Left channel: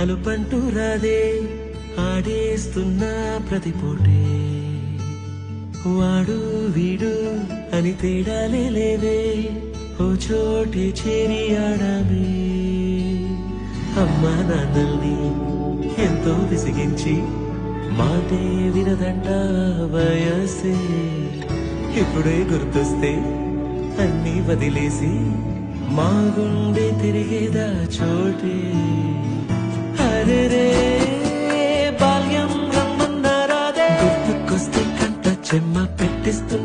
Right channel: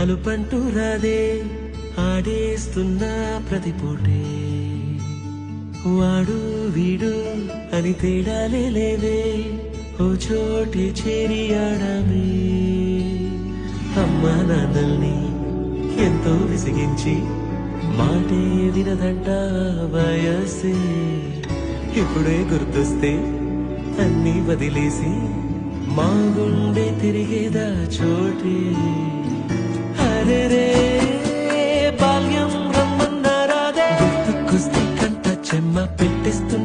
అలుపంటూ రాదే ఆడేస్తున్నా ప్రతిపోటే వాడు వీడు అని తేడాలే లేవే ఓ చోటే చేరి ఆడామే అమ్మా నాన్నల్ని ఎంతో విసిగించి మాటే వినదంట వయసే ఇప్పుడే గుర్తొస్తే అన్నీ వదిలేసి మా గుండె తిరిగేదా చోటే అరెరే బాల్యం రమ్మన్నారాదే గుర్తుకొస్తే కంట చెమ్మ పెట్టిస్తున్నా